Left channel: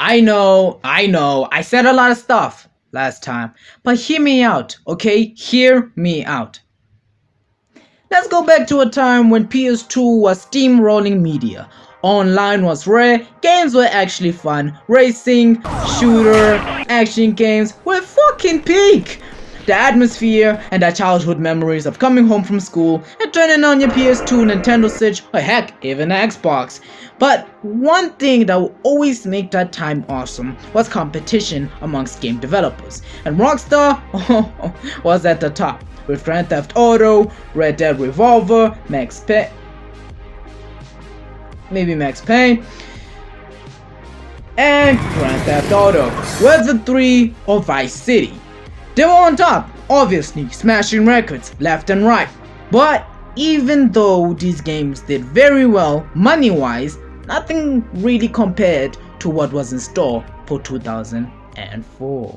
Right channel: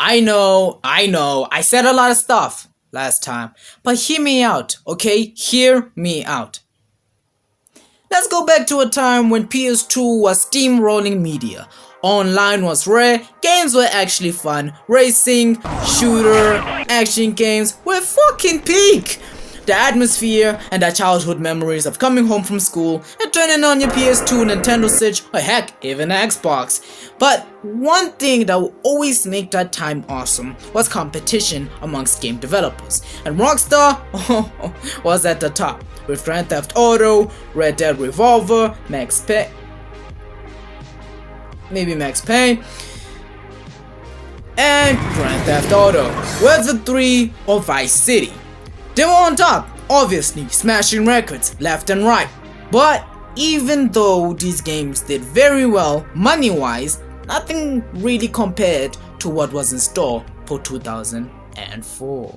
I know, I said a lot of stuff last time, but hear me out, okay? Hear me out. Let's go back to a time when PS2 was steamrolling media. Online was rare, games were actually fun, racing, shooter, action games were fucking peak! The atmosphere and the childhood memories of coming home from school and turning on your PS2, Nintendo Switch, or heck, even Xbox. But one thing that will always make that time awesome was competition amongst game developers. And Rockstar was at the top, with Grand Theft Auto, Red Dead Revolver, Max Payne, and Grand Theft Auto, Red 3 or Vice City. They were on top, obviously, smashing records left and right. But even though these games did very well money-wise, nothing really compared to what was in store for 2004.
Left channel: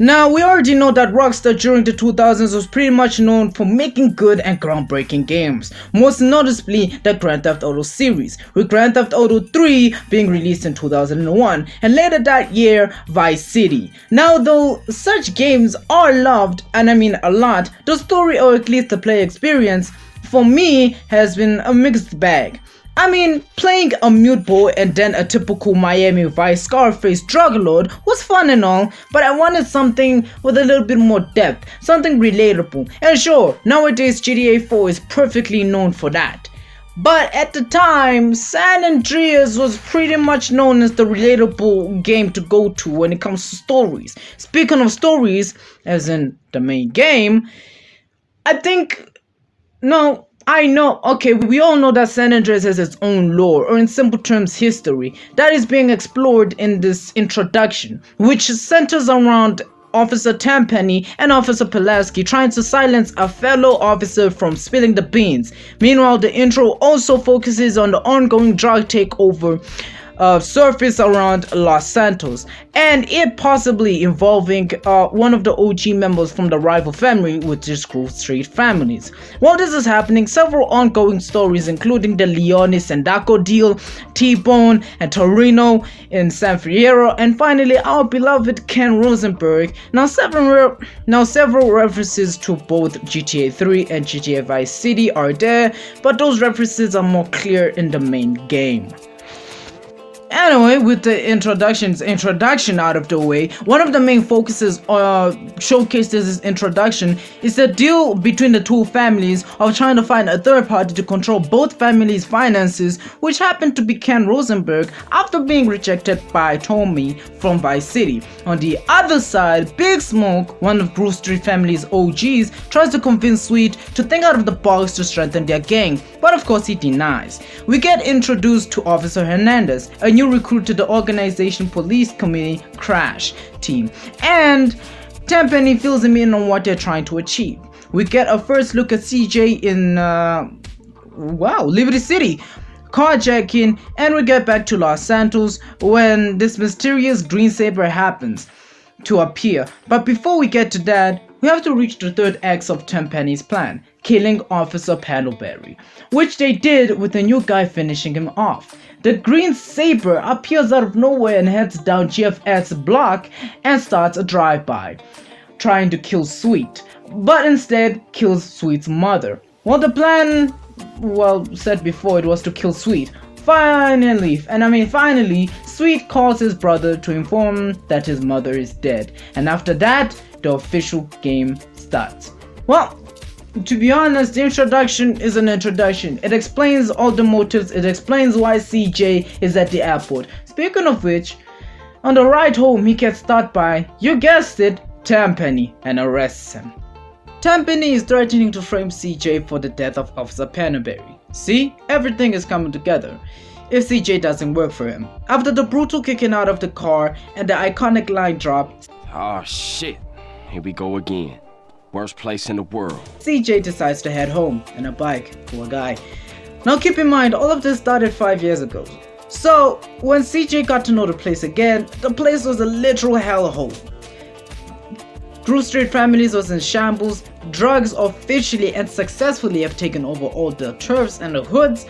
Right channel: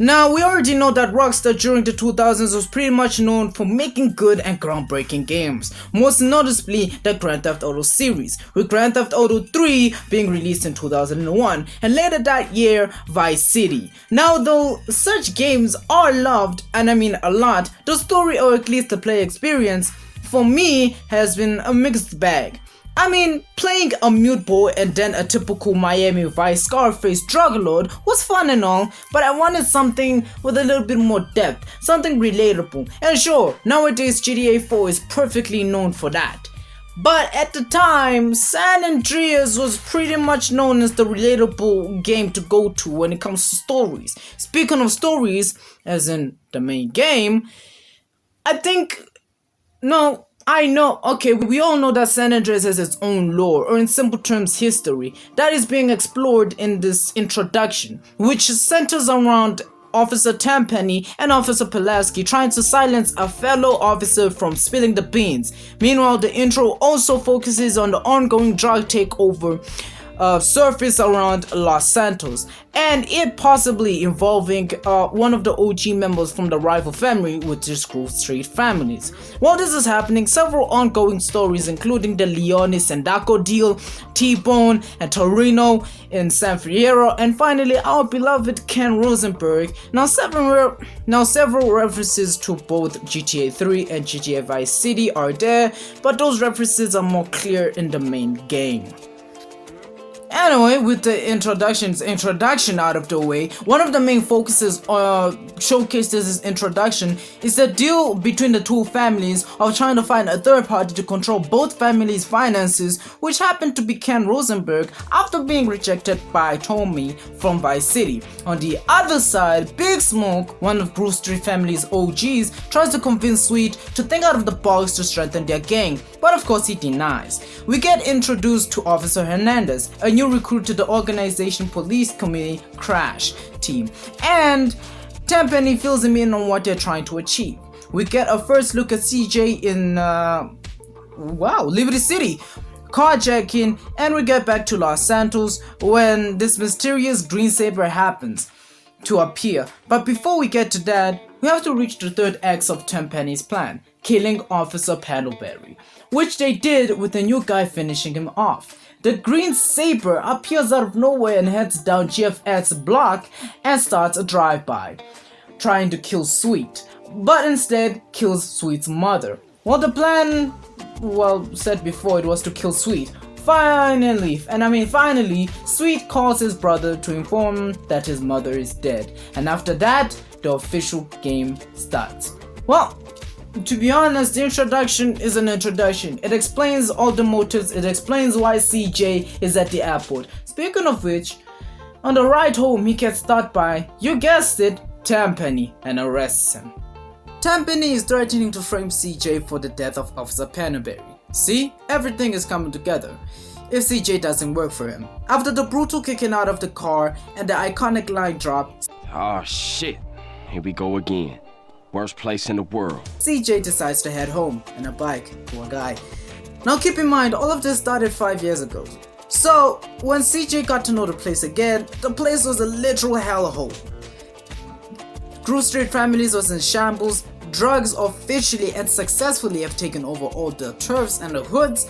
Now, we already know that Rockstar during the 2000s was pretty much known for making good and groundbreaking games, most noticeably the Grand Theft Auto series, with Grand Theft Auto 3 being released in 2001, and later that year, Vice City. Now, though such games are loved, and I mean a lot, the story or at least the play experience, for me, has been a mixed bag. I mean, playing a mute boy and then a typical Miami Vice Scarface drug lord was fun and all, but I wanted something with a little bit more depth, something relatable. And sure, nowadays GTA 4 is perfectly known for that. But at the time, San Andreas was pretty much known as the relatable game to go to when it comes to stories. Speaking of stories, as in the main game, okay, we all know that San Andreas has its own lore, or in simple terms, history, that is being explored in this introduction, which centers around Officer Tenpenny and Officer Pulaski trying to silence a fellow officer from spilling the beans. Meanwhile, the intro also focuses on the ongoing drug takeover surface around Los Santos, and it possibly involving one of the OG members from the rival family, which is Grove Street families. While this is happening, several ongoing stories including the Leone Sandako deal, T-Bone and Torino in San Fierro, and finally our beloved Ken Rosenberg. Now several references to both GTA 3 and GTA Vice City are there, but those references are more clear in the main game. Anyway, with the introduction out of the way, one of the main focuses showcased this introduction is the deal between the two families of trying to find a third party to control both families' finances, which happened to be Ken Rosenberg after being rejected by Tommy from Vice City. On the other side, Big Smoke, one of Grove Street family's OGs, tries to convince Sweet to think out of the box to strengthen their gang, but of course he denies. We get introduced to Officer Hernandez, a new recruit to the organization police committee crash team, and Tenpenny fills him in on what they're trying to achieve. We get a first look at CJ in Liberty City carjacking, and we get back to Los Santos when this mysterious green saber happens to appear. But before we get to that, we have to reach the third act of Tenpenny's plan, killing Officer Paddleberry, which they did with the new guy finishing him off. The green saber appears out of nowhere and heads down GF's block and starts a drive-by, trying to kill Sweet, but instead kills Sweet's mother. Well, the plan, said before, it was to kill Sweet. Finally, Sweet calls his brother to inform him that his mother is dead, and after that, the official game starts. Well, to be honest, the introduction is an introduction. It explains all the motives, it explains why CJ is at the airport. Speaking of which, on the ride home he gets stopped by, you guessed it, Tenpenny, and arrests him. Tenpenny is threatening to frame CJ for the death of Officer Paddleberry. See, everything is coming together if CJ doesn't work for him. After the brutal kicking out of the car and the iconic line drop, "Oh shit, here we go again. Worst place in the world." CJ decides to head home in a bike, poor guy. Now keep in mind, all of this started 5 years ago. So when CJ got to know the place again, the place was a literal hellhole. Grove Street families was in shambles. Drugs officially and successfully have taken over all the turfs and the hoods,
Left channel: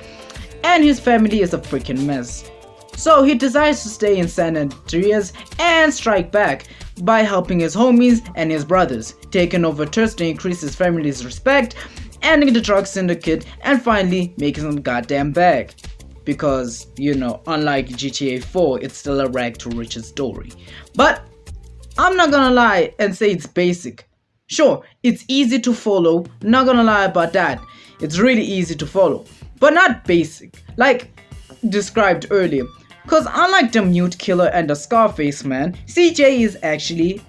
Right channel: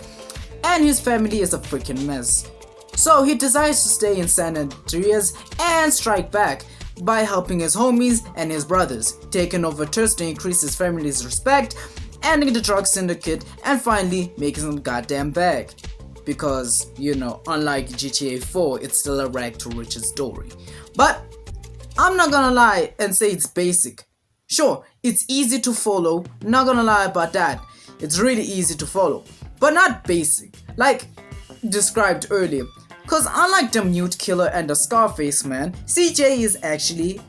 and his family is a freaking mess. So he decides to stay in San Andreas and strike back by helping his homies and his brothers, taking over turfs to increase his family's respect, ending the drug syndicate, and finally making some goddamn bag. Because, you know, unlike GTA 4, it's still a rag to riches story. But I'm not gonna lie and say it's basic. Sure, it's easy to follow, not gonna lie about that. It's really easy to follow, but not basic, like described earlier. Cause unlike the Mute Killer and the Scarface man, CJ is actually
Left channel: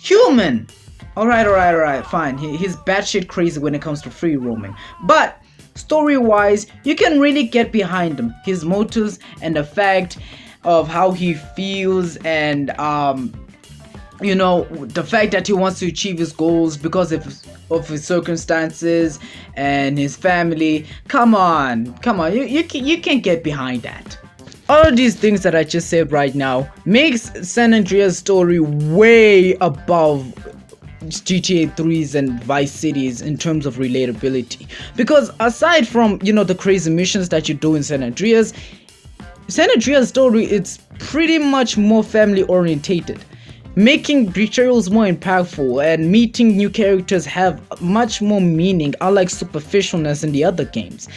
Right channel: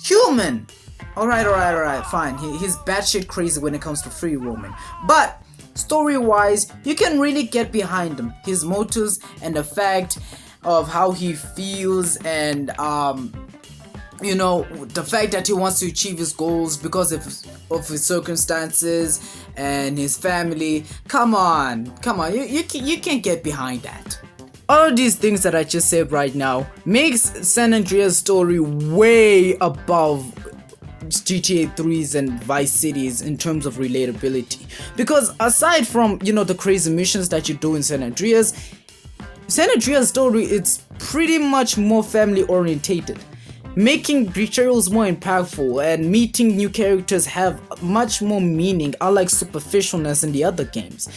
human. Alright, fine. He's batshit crazy when it comes to free roaming. But story-wise, you can really get behind him, his motives, and the fact of how he feels, and you know, the fact that he wants to achieve his goals because of his circumstances and his family. Come on, you can't get behind that. All of these things that I just said right now makes San Andreas' story way above GTA 3's and Vice City's in terms of relatability. Because aside from, you know, the crazy missions that you do in San Andreas' story, it's pretty much more family orientated, making betrayals more impactful, and meeting new characters have much more meaning, unlike superficialness in the other games.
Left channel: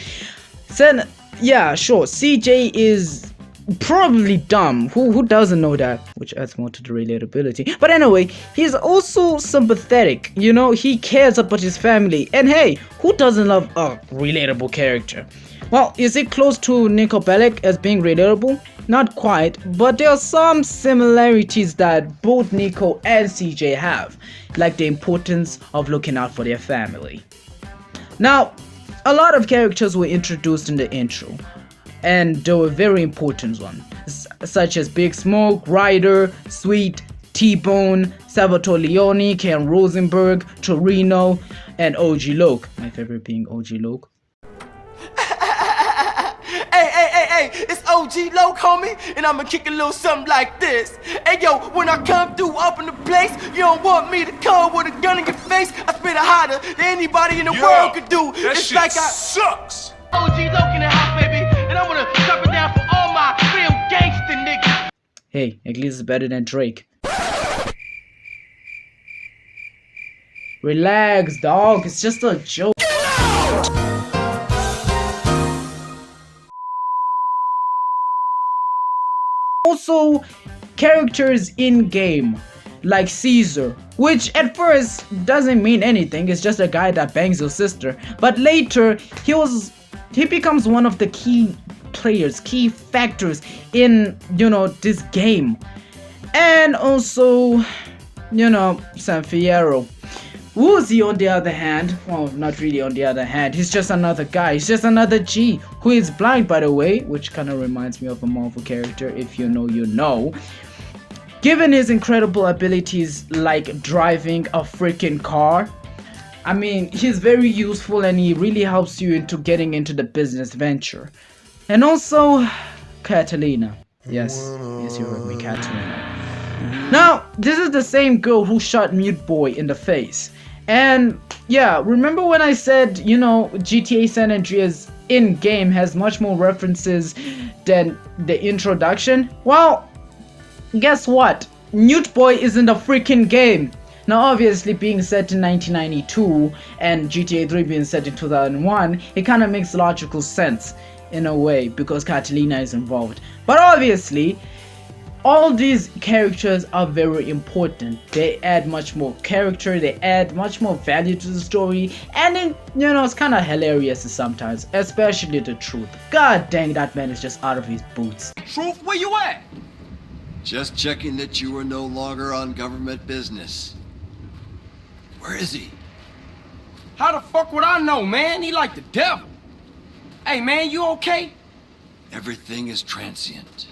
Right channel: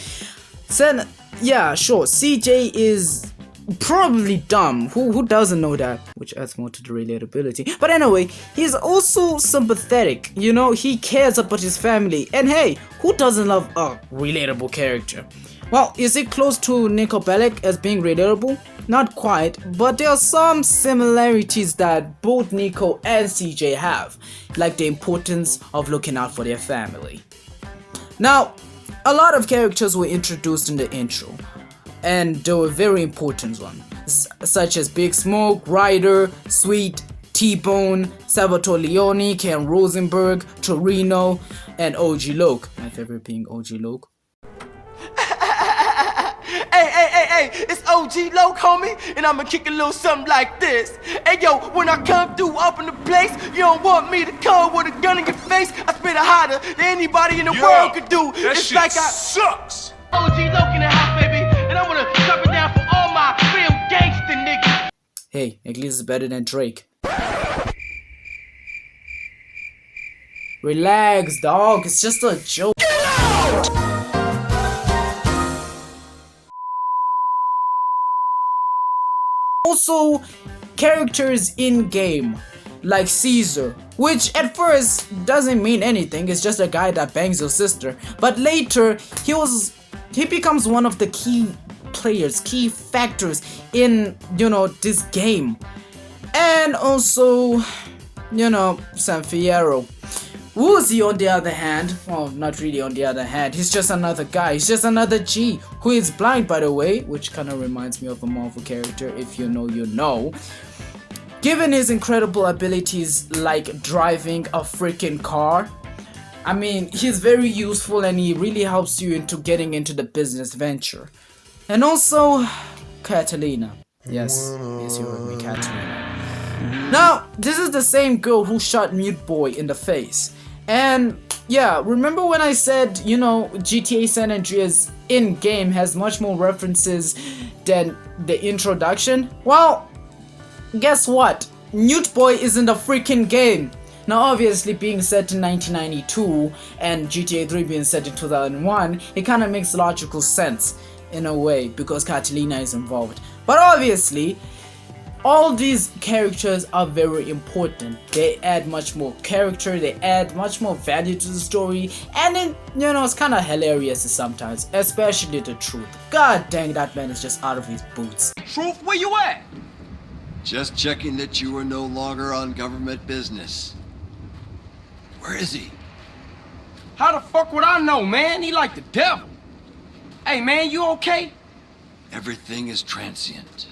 Yeah, sure, CJ is probably dumb. Who doesn't know that? Which adds more to the relatability. But anyway, he's also sympathetic. You know, he cares about his family. And hey, who doesn't love a relatable character? Well, is it close to Niko Bellic as being relatable? Not quite, but there are some similarities that both Niko and CJ have, like the importance of looking out for their family. Now, a lot of characters were introduced in the intro, and they were very important ones, such as Big Smoke, Ryder, Sweet, T-Bone, Salvatore Leone, Ken Rosenberg, Torino, and OG Loke. My favorite being OG Loke. Hey, it's OG Loke, homie, and I'ma kick a little something like this. Hey, yo, when I come through up in the place, you don't want me to come with a gun in your face. I spit it hotter than anybody in the world could do. That it's shit like sucks. OG Loke in the house, baby, and I'm gonna drop it down for all my real gangster niggas. Hey, at least it's better than Drake. Relax, dog. It's just a joke. Also, characters in game, like Caesar, which at first doesn't mean anything. It's just a guy that bangs your sister. But later, he becomes one of the key players, key factors in, you know, this game. And also, you know, San Fierro. Woozie, on the other hand, well, not really on the other hand, he's just another guy, he's just another G, who is blind, by the way, which kind of reminds me of a Marvel character. If you know, you know. Given his incredible abilities like driving a freaking car, I mean, he's very useful and he really helps you into getting into the business venture. And also, Catalina. Yes, you heard me, Catalina. Now, this is the same girl who shot Mute Boy in the face. And yeah, remember when I said, you know, GTA San Andreas in-game has much more references than the introduction? Well, guess what? Mute Boy is in the freaking game. Now obviously being set in 1992 and GTA 3 being set in 2001, it kind of makes logical sense in a way because Catalina is involved. But obviously, all these characters are very important. They add much more character, they add much more value to the story, and then, you know, it's kind of hilarious sometimes, especially the Truth. God dang, that man is just out of his boots. Truth, where you at? Just checking that you are no longer on government business. Where is he? How the fuck would I know, man? He like the devil. Hey, man, you okay? Everything is transient.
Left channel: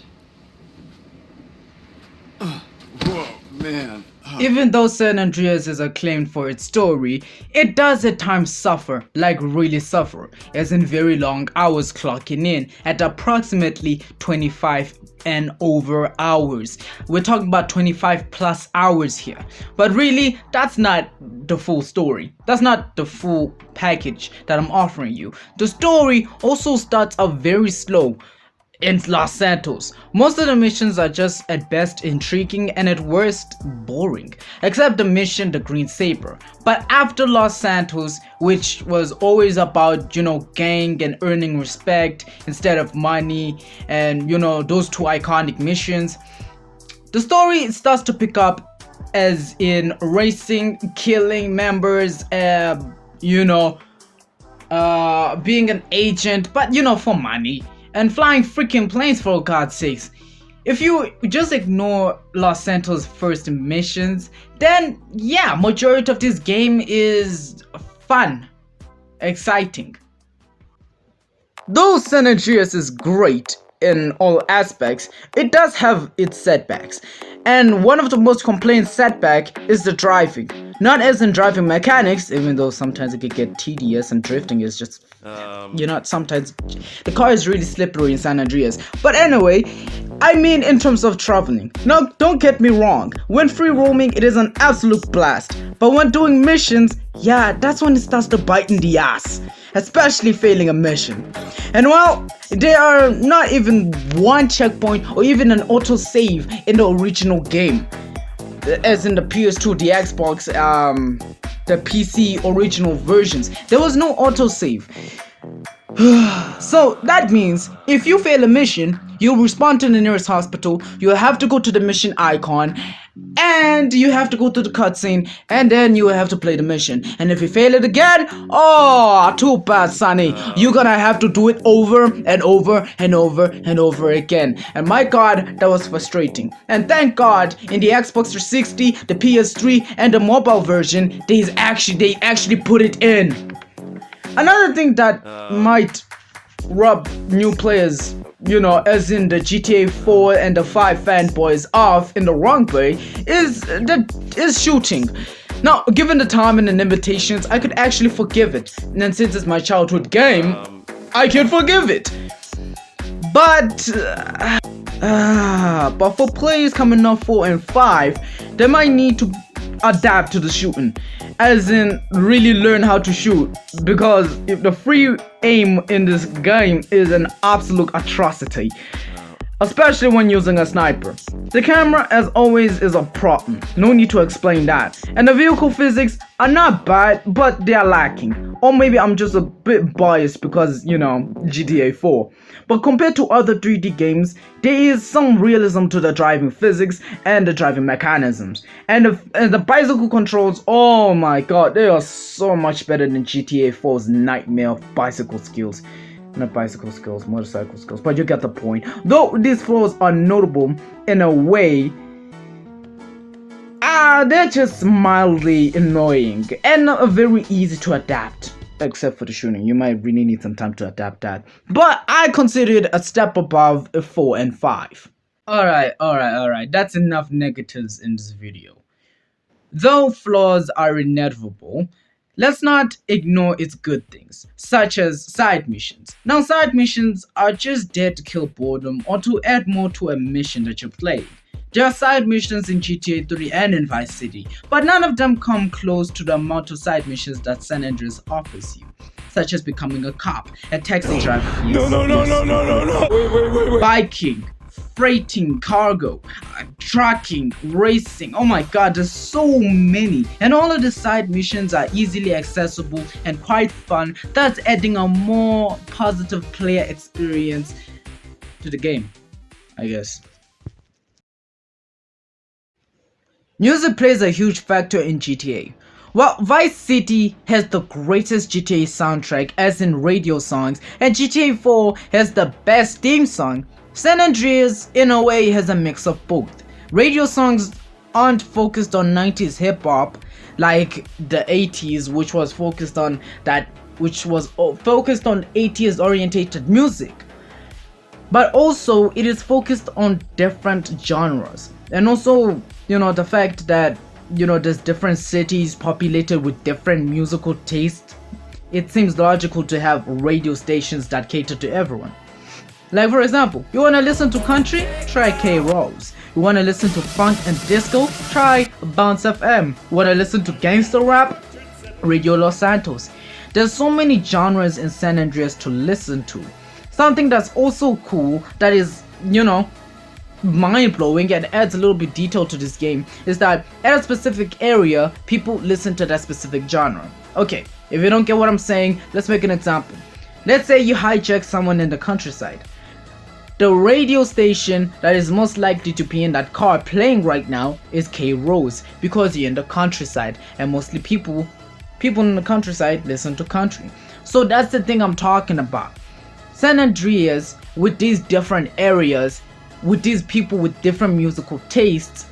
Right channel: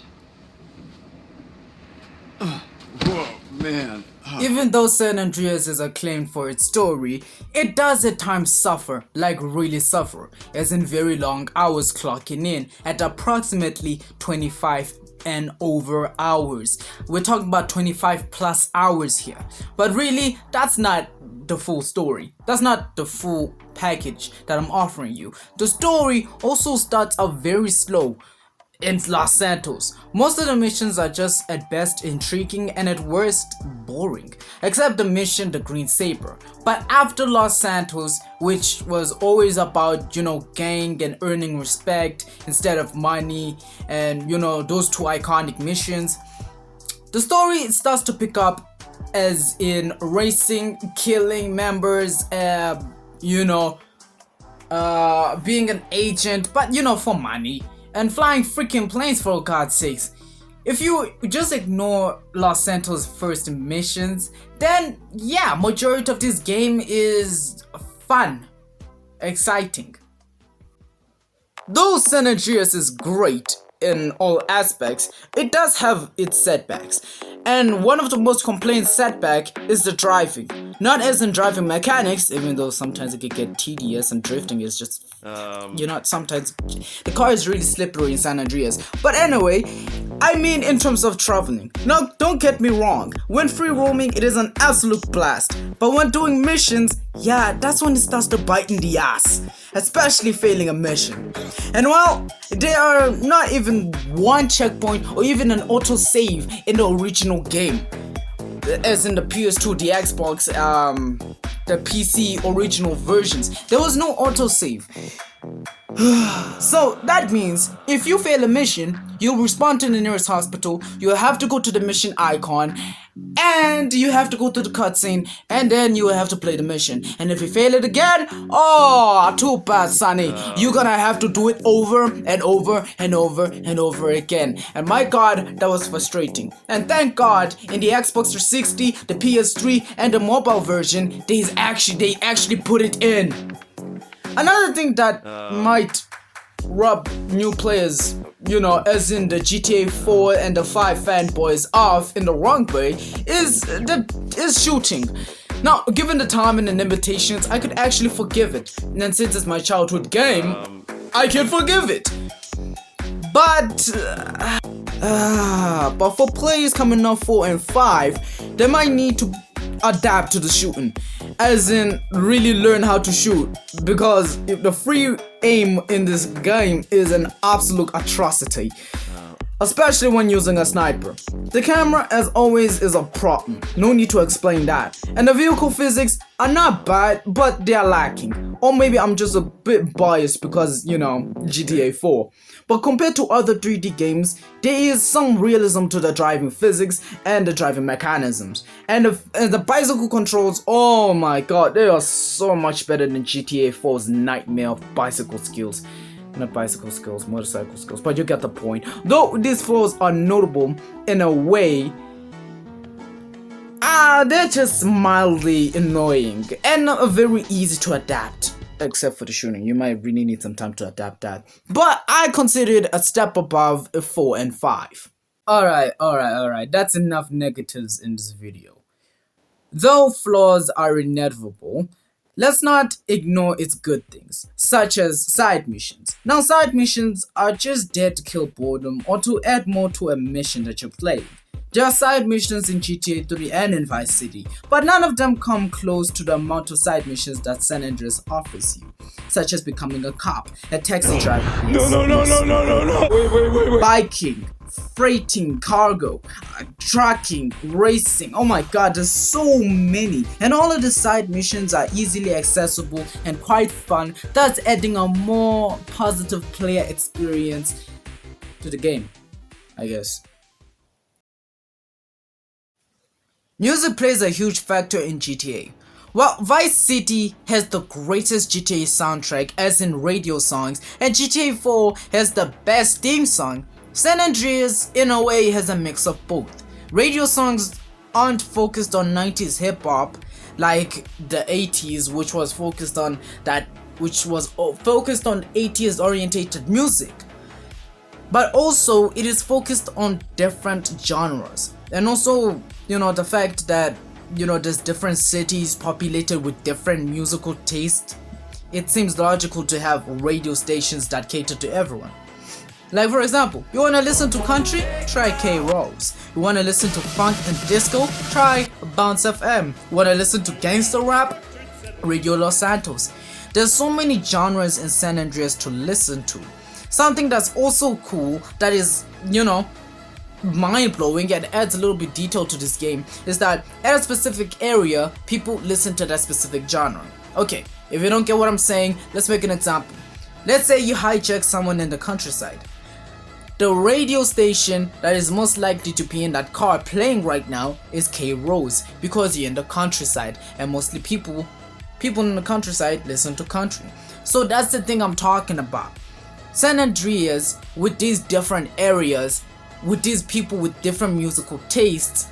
Whoa, man. If Even though San Andreas is acclaimed for its story, it does at times suffer, like really suffer, as in very long hours clocking in at approximately 25 and over hours. We're talking about 25 plus hours here. But really, that's not the full story. That's not the full package that I'm offering you. The story also starts out very slow in Los Santos. Most of the missions are just at best intriguing and at worst boring, except the mission The Green Saber. But after Los Santos, which was always about, gang and earning respect instead of money, and those two iconic missions, the story starts to pick up, as in racing, killing members, being an agent, but for money, and flying freaking planes, for God's sakes. If you just ignore Los Santos' first missions, then yeah, majority of this game is fun, exciting. Though San Andreas is great in all aspects, it does have its setbacks. And one of the most complained setback is the driving. Not as in driving mechanics, even though sometimes it can get tedious and drifting is just, sometimes the car is really slippery in San Andreas. But anyway, I mean in terms of traveling. Now, don't get me wrong, when free roaming it is an absolute blast. But when doing missions, yeah, that's when it starts to bite in the ass. Especially failing a mission. And well, there are not even one checkpoint or even an autosave in the original game. As in the PS2, the Xbox, the PC original versions, there was no autosave. So that means if you fail a mission, you'll respond to the nearest hospital, you have to go to the mission icon, and you have to go to the cutscene, and then you have to play the mission. And if you fail it again, oh, too bad, sonny. You're gonna have to do it over and over and over and over again. And my God, that was frustrating. And thank God, in the Xbox 360, the PS3, and the mobile version, they actually put it in. Another thing that might rub new players, as in the GTA 4 and the 5 fanboys off in the wrong way, is shooting. Now, given the time and the limitations, I could actually forgive it. And since it's my childhood game, I can forgive it. But for players coming off 4 and 5, they might need to adapt to the shooting, as in really learn how to shoot, because if the free aim in this game is an absolute atrocity, especially when using a sniper. The camera, as always, is a problem, no need to explain that, and the vehicle physics are not bad, but they are lacking. Or maybe I'm just a bit biased because, GTA 4. But compared to other 3D games, there is some realism to the driving physics and the driving mechanisms. And the bicycle controls, oh my God, they are so much better than GTA 4's nightmare of bicycle skills. Not bicycle skills, motorcycle skills, but you get the point. Though these flaws are notable in a way, they're just mildly annoying and not very easy to adapt. Except for the shooting, you might really need some time to adapt that. But I consider it a step above 4 and 5. Alright, that's enough negatives in this video. Though flaws are inevitable, let's not ignore its good things, such as side missions. Now, side missions are just there to kill boredom or to add more to a mission that you're playing. There are side missions in GTA 3 and in Vice City, but none of them come close to the amount of side missions that San Andreas offers you, such as becoming a cop, a taxi driver, No. Wait. biking, freighting cargo, trucking, racing. Oh my God, there's so many, and all of the side missions are easily accessible and quite fun. That's adding a more positive player experience to the game, I guess. Music plays a huge factor in GTA. While Vice City has the greatest GTA soundtrack as in radio songs, and GTA 4 has the best theme song, San Andreas in a way has a mix of both. Radio songs aren't focused on 90s hip hop like the 80s, which was focused on 80s orientated music. But also it is focused on different genres. And also, the fact that there's different cities populated with different musical tastes, it seems logical to have radio stations that cater to everyone. Like for example, you wanna listen to country? Try K-Rolls. You wanna listen to funk and disco? Try Bounce FM. You wanna listen to gangster rap? Radio Los Santos. There's so many genres in San Andreas to listen to. Something that's also cool, that is, mind-blowing and adds a little bit detail to this game, is that at a specific area, people listen to that specific genre. Okay, if you don't get what I'm saying, let's make an example. Let's say you hijack someone in the countryside. The radio station that is most likely to be in that car playing right now is K-Rose, because you're in the countryside and mostly people in the countryside listen to country. So that's the thing I'm talking about. San Andreas, with these different areas, with these people with different musical tastes,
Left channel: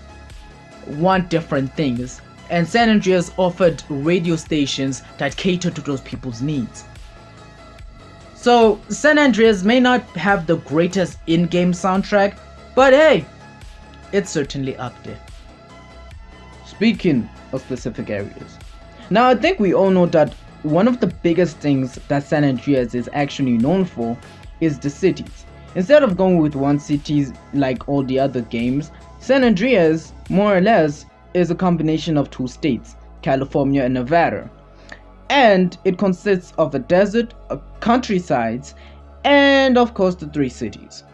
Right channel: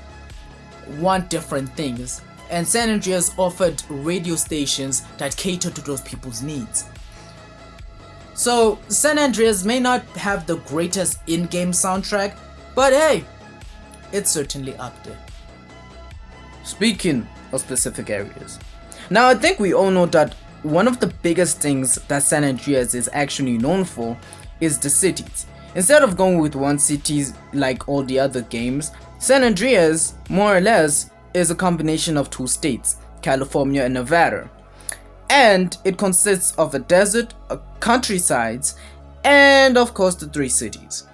want different things, and San Andreas offered radio stations that cater to those people's needs. So San Andreas may not have the greatest in-game soundtrack, but hey, it's certainly up there. Speaking of specific areas, now I think we all know that one of the biggest things that San Andreas is actually known for is the cities. Instead of going with one city like all the other games, San Andreas, more or less, is a combination of two states, California and Nevada. And it consists of a desert, a countryside, and of course the three cities.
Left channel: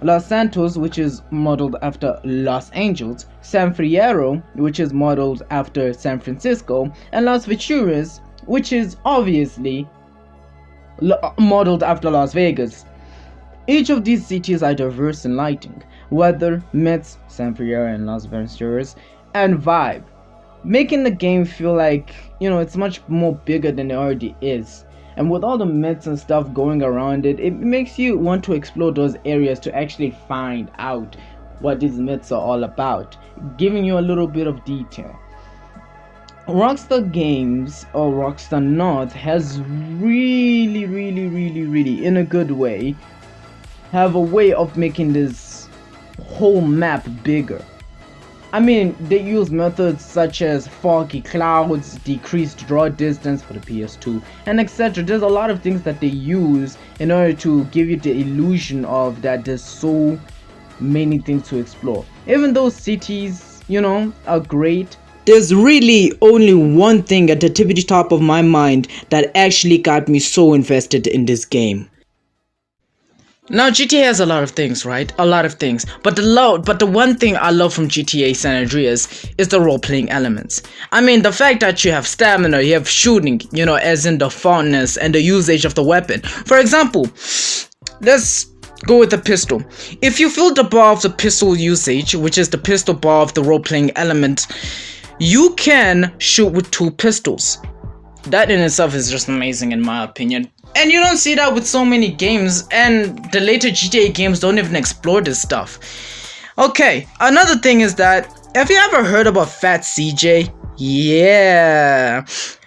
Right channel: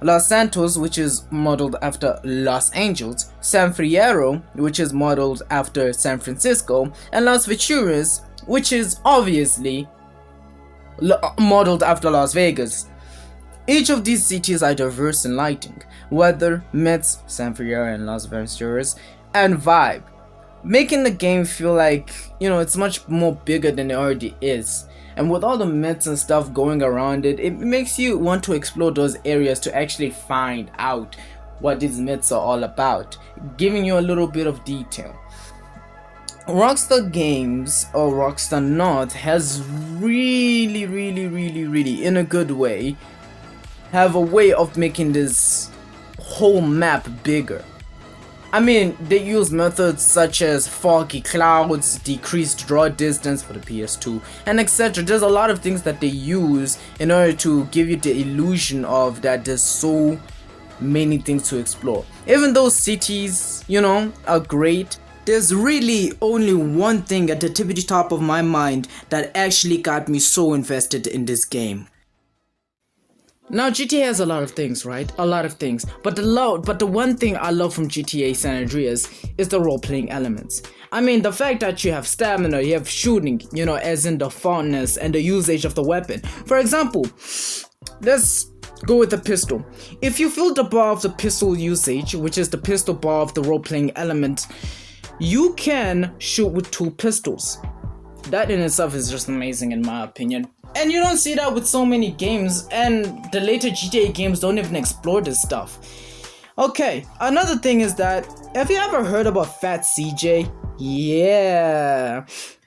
Los Santos, which is modeled after Los Angeles, San Fierro, which is modeled after San Francisco, and Las Venturas, which is obviously modeled after Las Vegas. Each of these cities are diverse in lighting, weather, myths, San Fierro and Las Venturas, and vibe, making the game feel like, it's much more bigger than it already is. And with all the myths and stuff going around it, it makes you want to explore those areas to actually find out what these myths are all about, giving you a little bit of detail. Rockstar Games, or Rockstar North, has really, in a good way, have a way of making this whole map bigger. I mean, they use methods such as foggy clouds, decreased draw distance for the PS2, and etc. There's a lot of things that they use in order to give you the illusion of that there's so many things to explore. Even though cities, are great, there's really only one thing at the tippity top of my mind that actually got me so invested in this game. Now GTA has a lot of things, right? A lot of things. But the one thing I love from GTA San Andreas is the role-playing elements. I mean, the fact that you have stamina, you have shooting, as in the fondness and the usage of the weapon. For example, let's go with the pistol. If you fill the bar of the pistol usage, which is the pistol bar of the role-playing element, you can shoot with two pistols. That in itself is just amazing in my opinion. And you don't see that with so many games, and the later GTA games don't even explore this stuff. Okay, another thing is that, have you ever heard about Fat CJ? Yeah.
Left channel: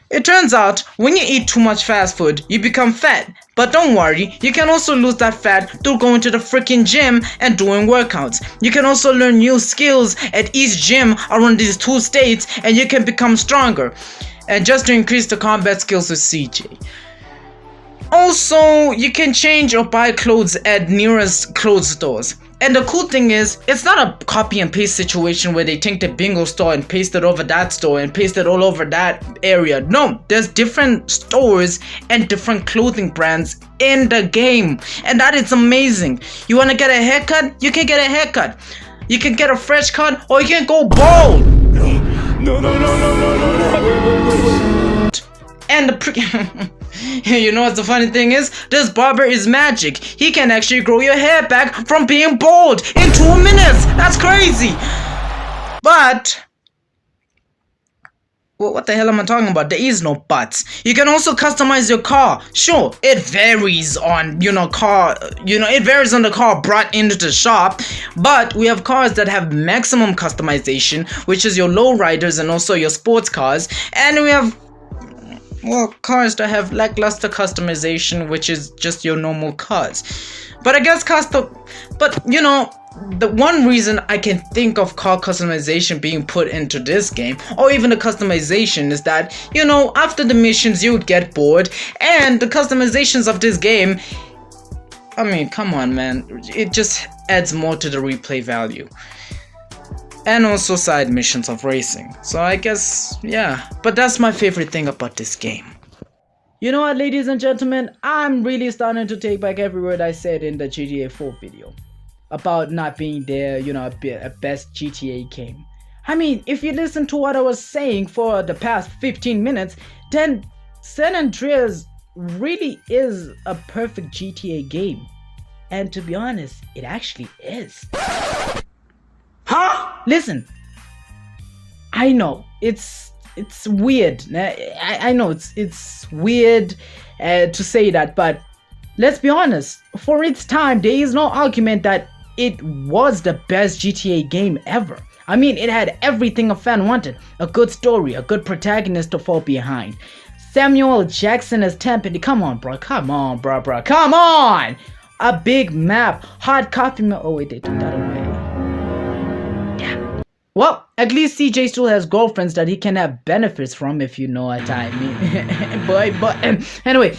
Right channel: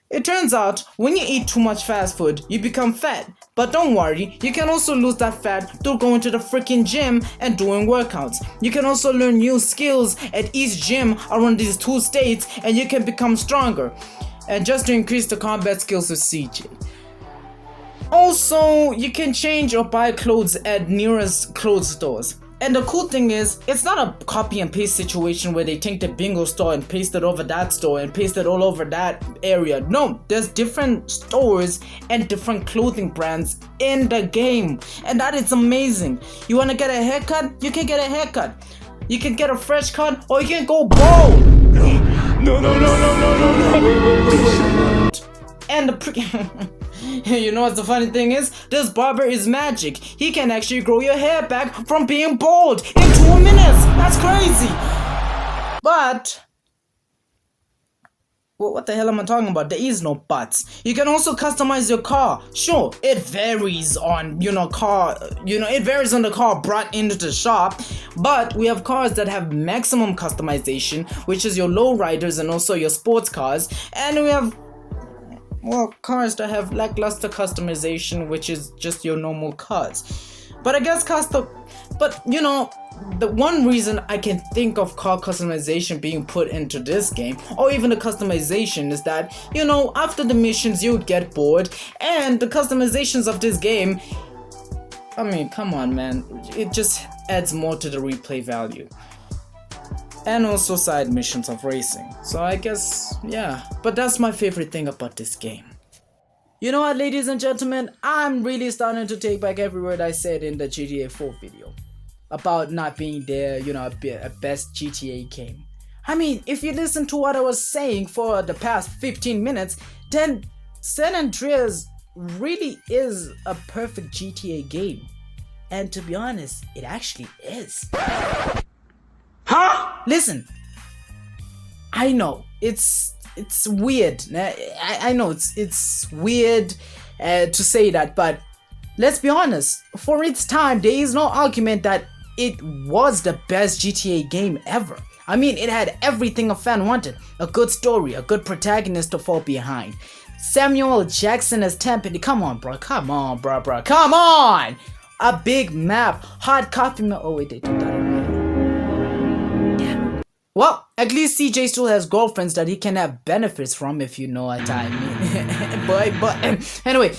It turns out, when you eat too much fast food, you become fat. But don't worry, you can also lose that fat through going to the freaking gym and doing workouts. You can also learn new skills at each gym around these two states, and you can become stronger. And just to increase the combat skills with CJ. Also, you can change or buy clothes at nearest clothes stores. And the cool thing is, it's not a copy and paste situation where they take the bingo store and paste it over that store and paste it all over that area. No, there's different stores and different clothing brands in the game. And that is amazing. You want to get a haircut? You can get a haircut. You can get a fresh cut, or you can go bald. No. And the you know what the funny thing is? This barber is magic. He can actually grow your hair back from being bald in 2 minutes. That's crazy. But what the hell am I talking about? There is no buts. You can also customize your car. Sure, it varies on, it varies on the car brought into the shop. But we have cars that have maximum customization, which is your lowriders and also your sports cars. And we have cars that have lackluster customization, which is just your normal cars. But I guess the one reason I can think of car customization being put into this game, or even the customization, is that, you know, after the missions you would get bored, and the customizations of this game, I mean, come on man, it just adds more to the replay value. And also side missions of racing. So I guess, yeah, but that's my favorite thing about this game. You know what, ladies and gentlemen, I'm really starting to take back every word I said in the GTA 4 video about not being there, you know, a best GTA game. I mean, if you listen to what I was saying for the past 15 minutes, then San Andreas really is a perfect GTA game. And to be honest, it actually is. Huh? Listen, I know it's weird. I know it's weird to say that, but let's be honest. For its time, there is no argument that it was the best GTA game ever. I mean, it had everything a fan wanted: a good story, a good protagonist to fall behind, Samuel Jackson as Tempest. Come on, bro. Come on, bro. Come on. A big map, hard copy. Oh wait, they took that away. Well, at least CJ still has girlfriends that he can have benefits from, if you know what I mean. but anyway,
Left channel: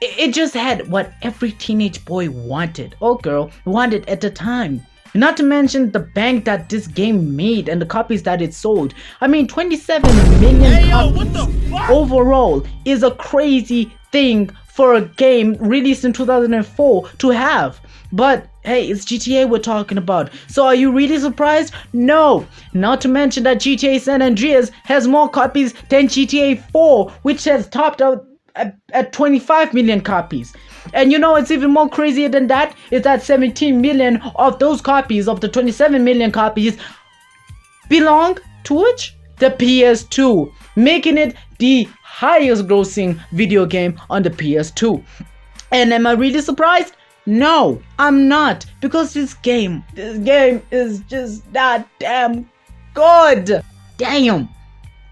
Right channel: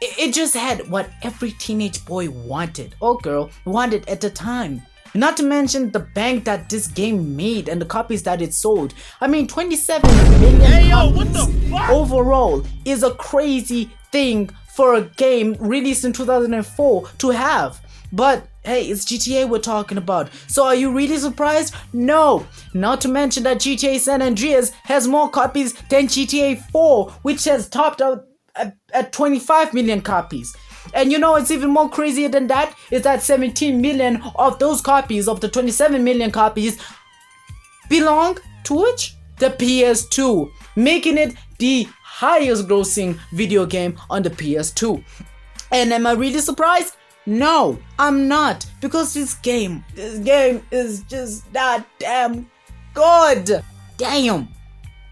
it just had what every teenage boy wanted, or girl wanted at the time. Not to mention the bank that this game made and the copies that it sold. I mean, 27 million copies what the fuck? Overall is a crazy thing for a game released in 2004 to have. But hey, it's GTA we're talking about. So are you really surprised? No. Not to mention that GTA San Andreas has more copies than GTA 4, which has topped out at 25 million copies. And you know what's even more crazier than that? Is that 17 million of those copies, of the 27 million copies, belong to which? The PS2, making it the highest grossing video game on the PS2. And am I really surprised? No, I'm not, because this game is just that damn good. Damn.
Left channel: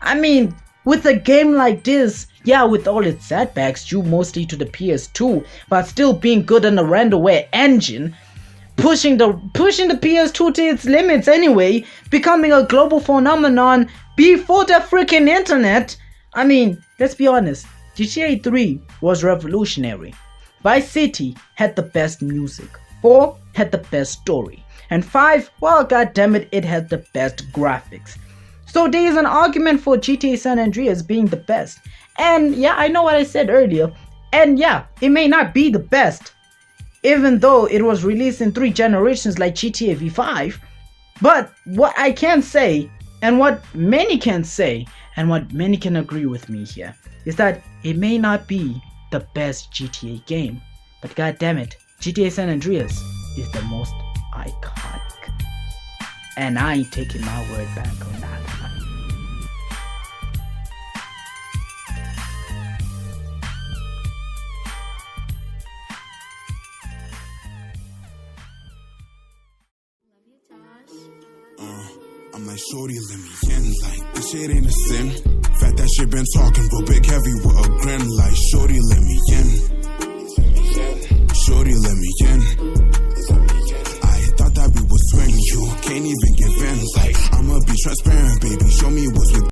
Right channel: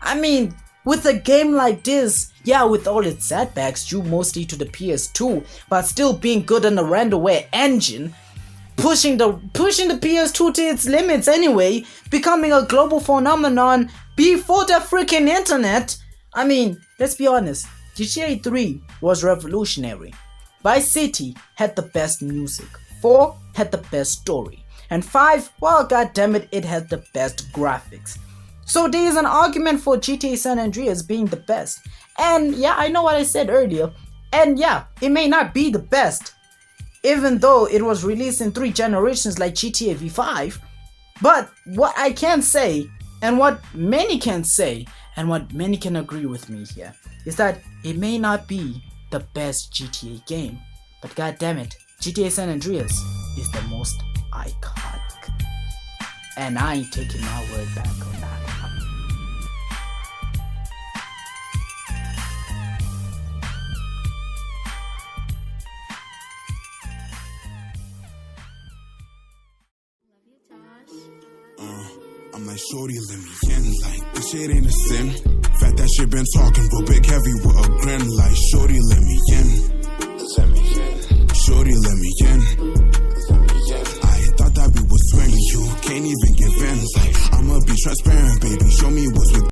I mean, with a game like this, yeah, with all its setbacks due mostly to the PS2, but still being good on the renderware engine, pushing the PS2 to its limits anyway, becoming a global phenomenon before the freaking internet. I mean, let's be honest, GTA 3 was revolutionary. Vice City had the best music, 4 had the best story, and 5, well, goddammit, it had the best graphics. So there is an argument for GTA San Andreas being the best. And yeah, I know what I said earlier, and yeah, it may not be the best, even though it was released in 3 generations like GTA V5, but what I can say, and what many can say, and what many can agree with me here, is that it may not be the best GTA game, but goddammit, GTA San Andreas is the most iconic. And I ain't taking my word back on that. I'm like, shorty, let me in, like, this shit ain't a sin. Fat that shit been talking, real big heavy with a grin, like, shorty, let me in.